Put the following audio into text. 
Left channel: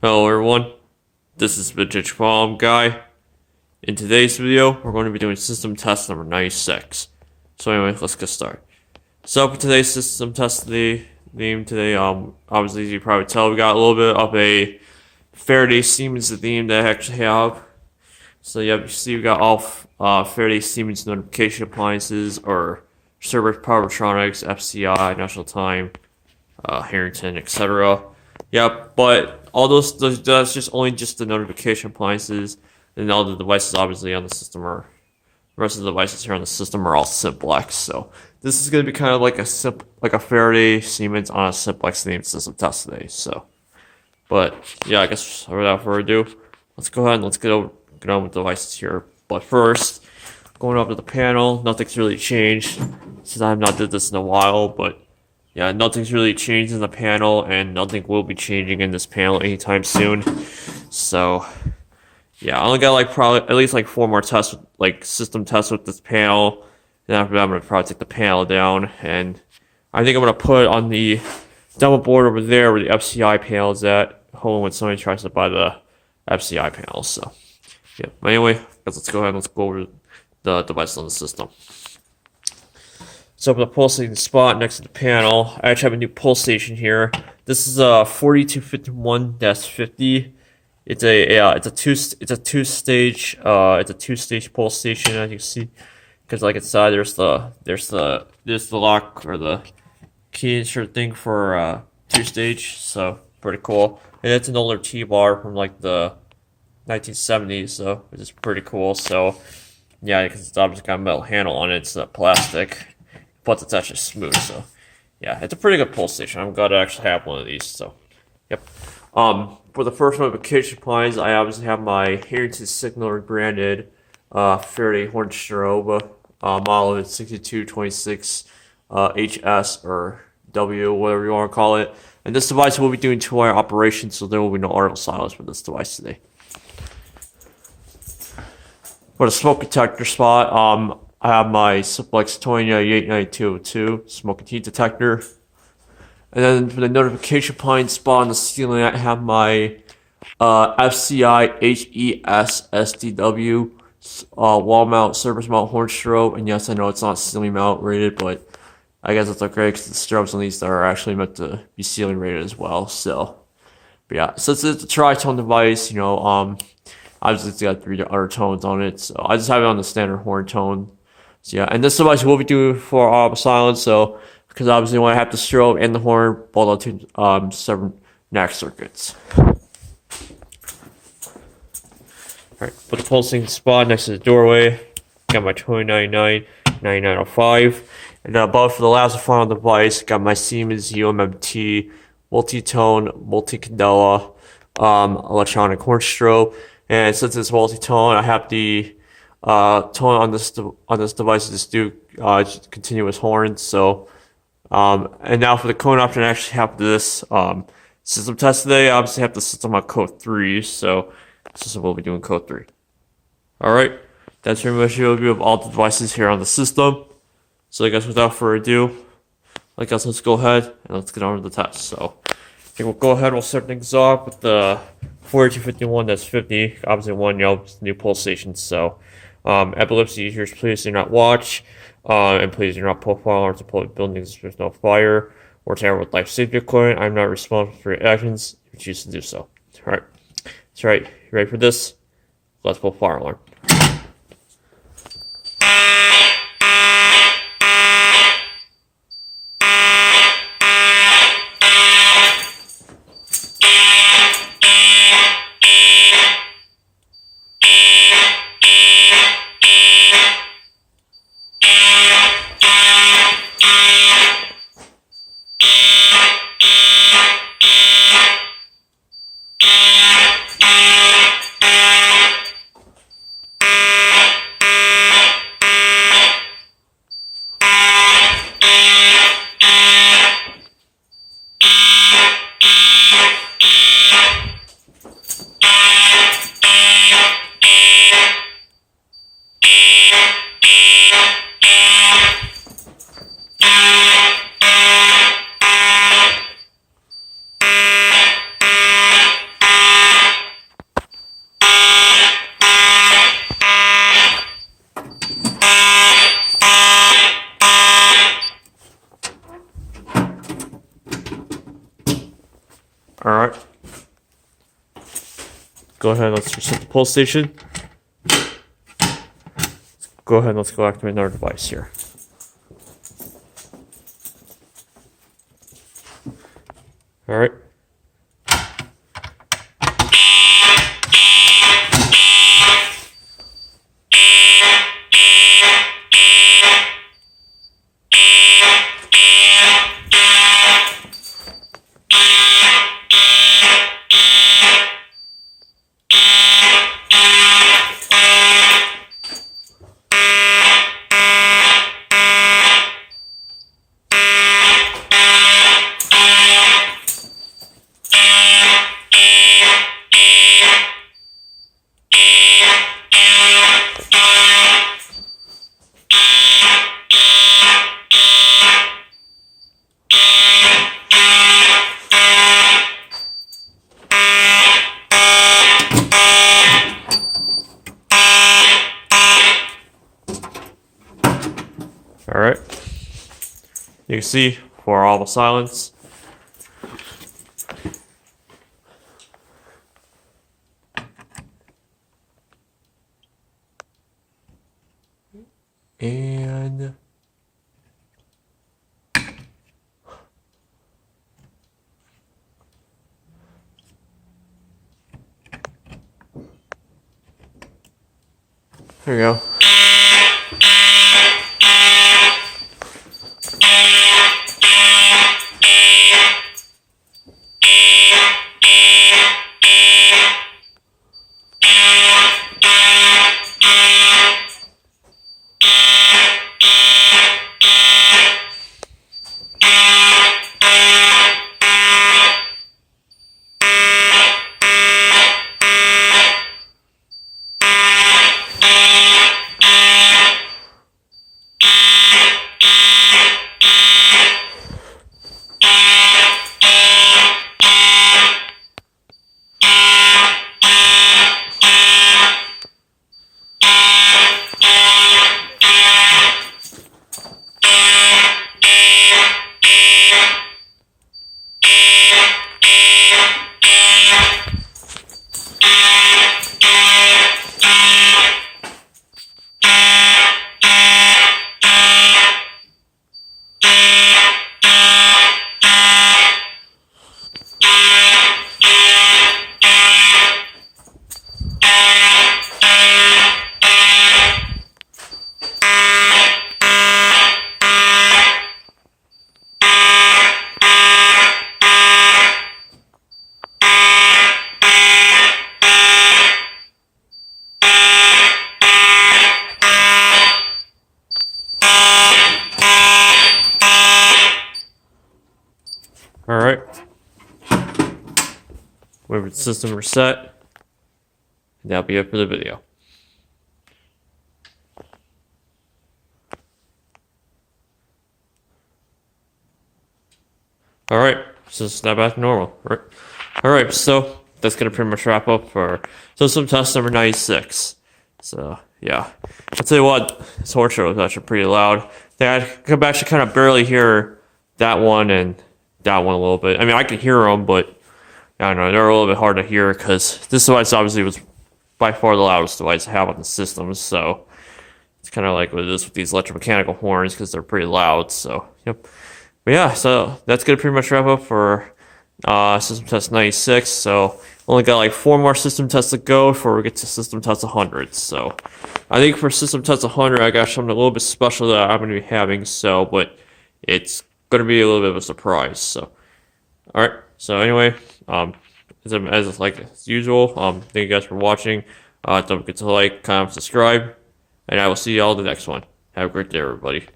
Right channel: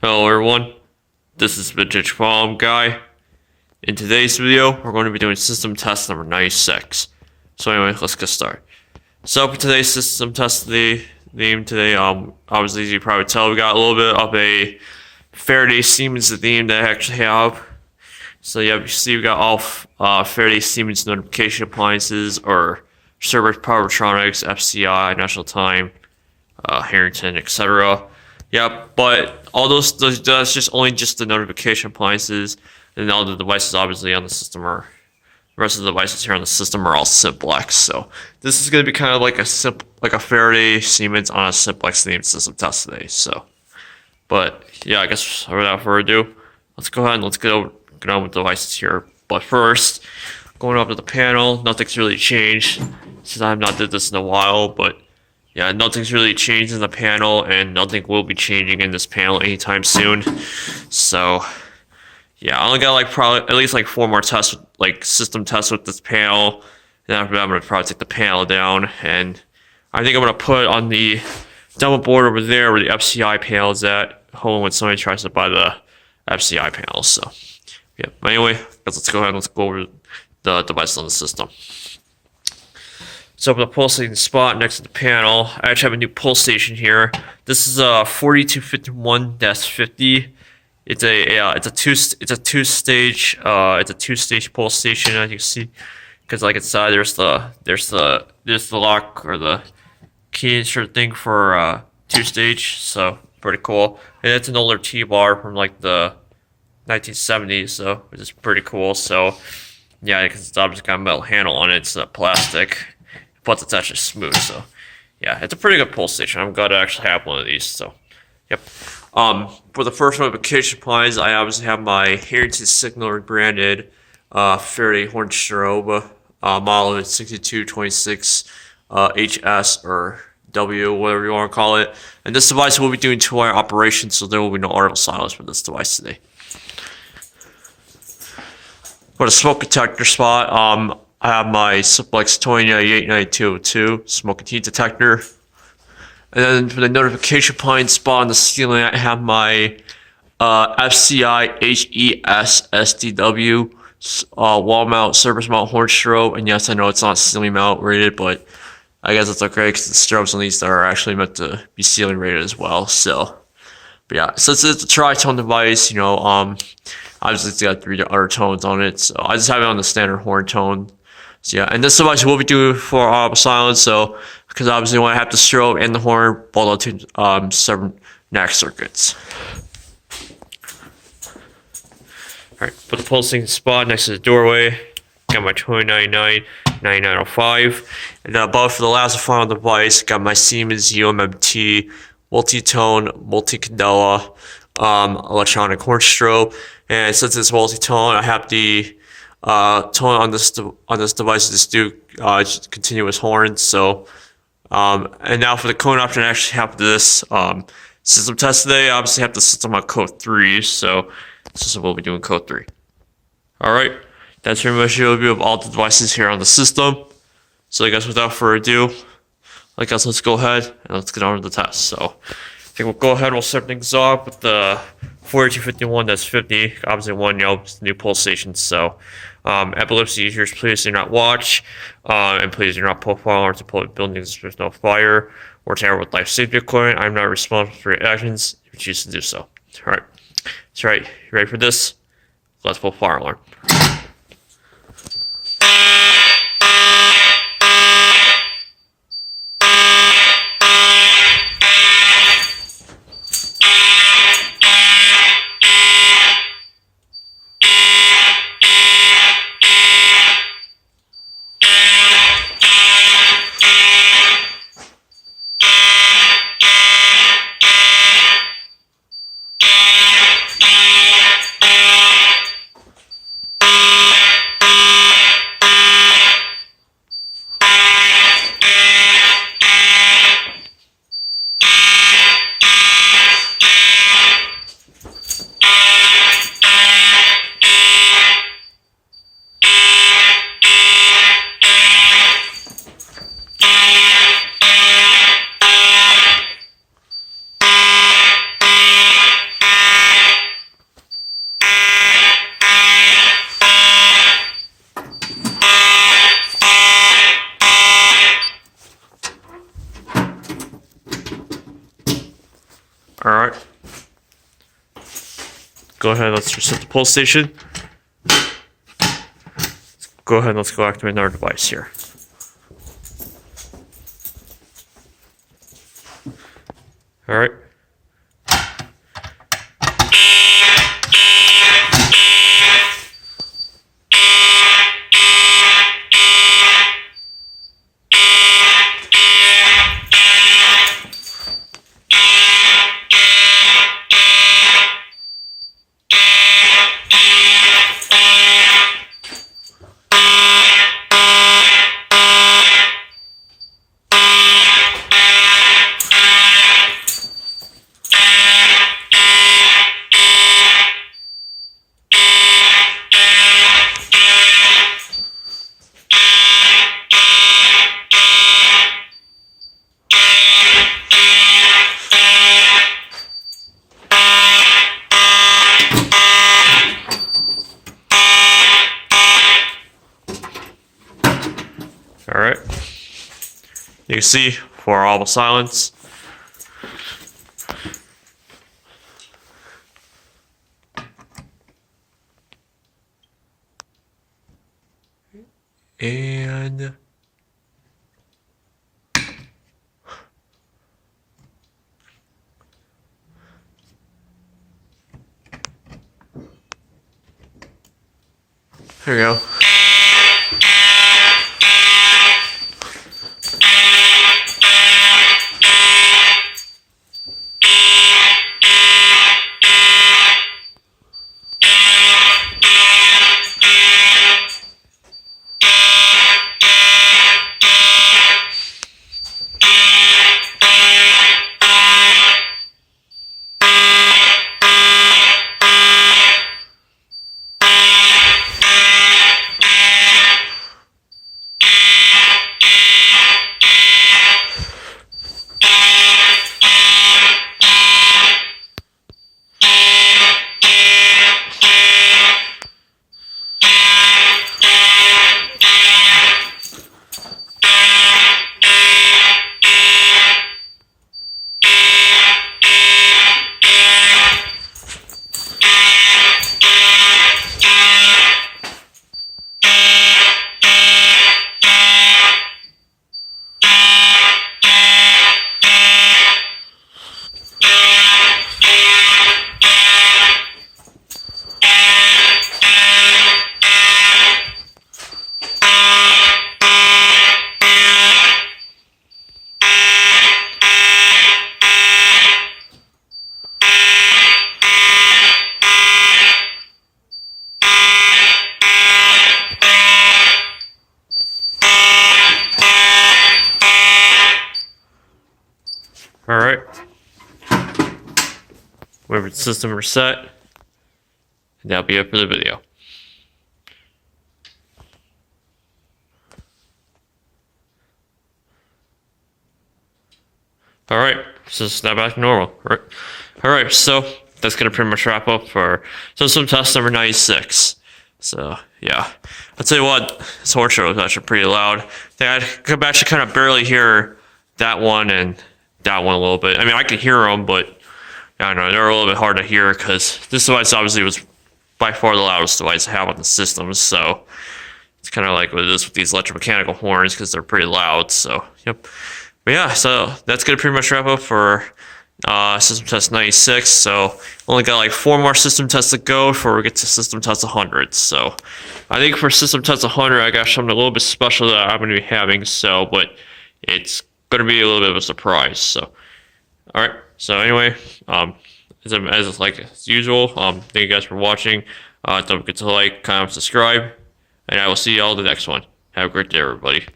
Hello everyone, this is Vintage Bomb Guy. In today's video, we're going to be doing system test number 96. So anyway, let's get started. So for today's system test theme today, obviously as you probably tell, we got a little bit of a Faraday Siemens theme that I actually have. So yeah, you see we got all Faraday Siemens notification appliances or server Powertronics, FCI, National Time, Harrington, etc. Yeah, but all that's just only just the notification appliances, and all the devices obviously on the system are the rest of the devices here on the system are all simplex. So this is gonna be kind of like a Faraday Siemens on a simplex themed system test today. So, but yeah, I guess without further ado, let's go ahead and get on with the devices here. But first, going up to the panel, nothing's really changed since I have not did this in a while, but yeah, nothing's really changed in the panel, and nothing will be changing in this panel anytime soon. So, yeah, I only got like probably at least like 4 more tests, like system tests with this panel. And after that, I'm gonna probably take the panel down, and I think I'm gonna put it on the demo board over there where the FCI panel is at, home when somebody tries to buy the FCI panel. So, yeah. But anyway, let's go ahead and let's go over the devices on the system. So for the pulsating spot next to the panel, I actually have a new pulse station here. This is a 4251-50. It's a two stage pulse station, as you can see, because like inside there's the lock or the key insert thing for 2-stage. So pretty cool. And it's an older T-bar from like the 1970s, so which is pretty cool. So yeah, because it's obviously got a metal handle on it. It's plastic. But it's actually smooth, so yeah, it's a pretty good pulse station. I'm glad I actually have one of these. So, yep. For the first notification appliance, I obviously have my Harrington Signaler branded Faraday horn strobe model 6226 HS or W, whatever you want to call it. And this device will be doing 2-wire operation, so there will be no audible silence for this device today. For the smoke detector spot, I have my simplex 89202 smoke and heat detector. And then for the notification point spot on the ceiling, I have my FCI HES SDW wall mount, surface mount horn strobe. And yes, I know it's not ceiling mount rated, but I guess it's okay because the strobes on these are actually meant to be ceiling rated as well. So, but yeah, since it's a tri-tone device, obviously it's got 3 other tones on it. So I just have it on the standard horn tone. So yeah, and this device will be due for audible silence, so because obviously when I have the strobe and the horn, both are to 7 NAC circuits. Alright, put the pulsing spot next to the doorway. Got my 2099-9905. And then above for the last and final device, got my Siemens ummt multi-tone, multi-candela electronic horn strobe. And since it's multi-tone, I have the tone on this device is do continuous horns. So and now for the code option, I actually have this system test today. I obviously have the system on code 3, so this is what we'll be doing code 3. Alright, that's pretty much the overview of all the devices here on the system. So I guess without further ado, let's go ahead and let's get on with the test. So I think we'll go ahead and we'll start things off with the 4251-50, obviously one new pulse station. So epilepsy users, please do not watch, and please do not profile or to public buildings if there's no fire or tamper with life safety equipment. I'm not responsible for your actions if you choose to do so. Alright, that's right. You ready for this? Let's pull fire alarm. Alright. Go ahead, let's reset the pull station. Go ahead, let's go activate another device here. Alright. Alright. You can see for all the silence. And there you go. Alright. Wait for the system reset. And that'll be it for the video. Alright, so it's now back to normal. Alright, so that's gonna pretty much wrap up for system test number 96. So yeah, I'll tell you what, this horse show was actually pretty loud. I could actually kind of barely hear that one and that one a little bit. I mean, I could hear them, but I don't know, they're a little bit hard to hear because this device obviously was by far the loudest device I have on the system. So it's kind of like what it is with these electromechanical horns because they're pretty loud. So yep. But yeah, so that's gonna pretty much wrap up for system test 96. So only got like 4 more system tests to go before we get to system test 100. So I think for system test 100, I got something a little bit special that I'm gonna be having. So, but it's gonna be a little bit of a surprise. So, all right. So anyway, as usual, thank you guys for watching. Don't forget to like, comment, subscribe, and I will see you all in the next one. Have a great day, everybody.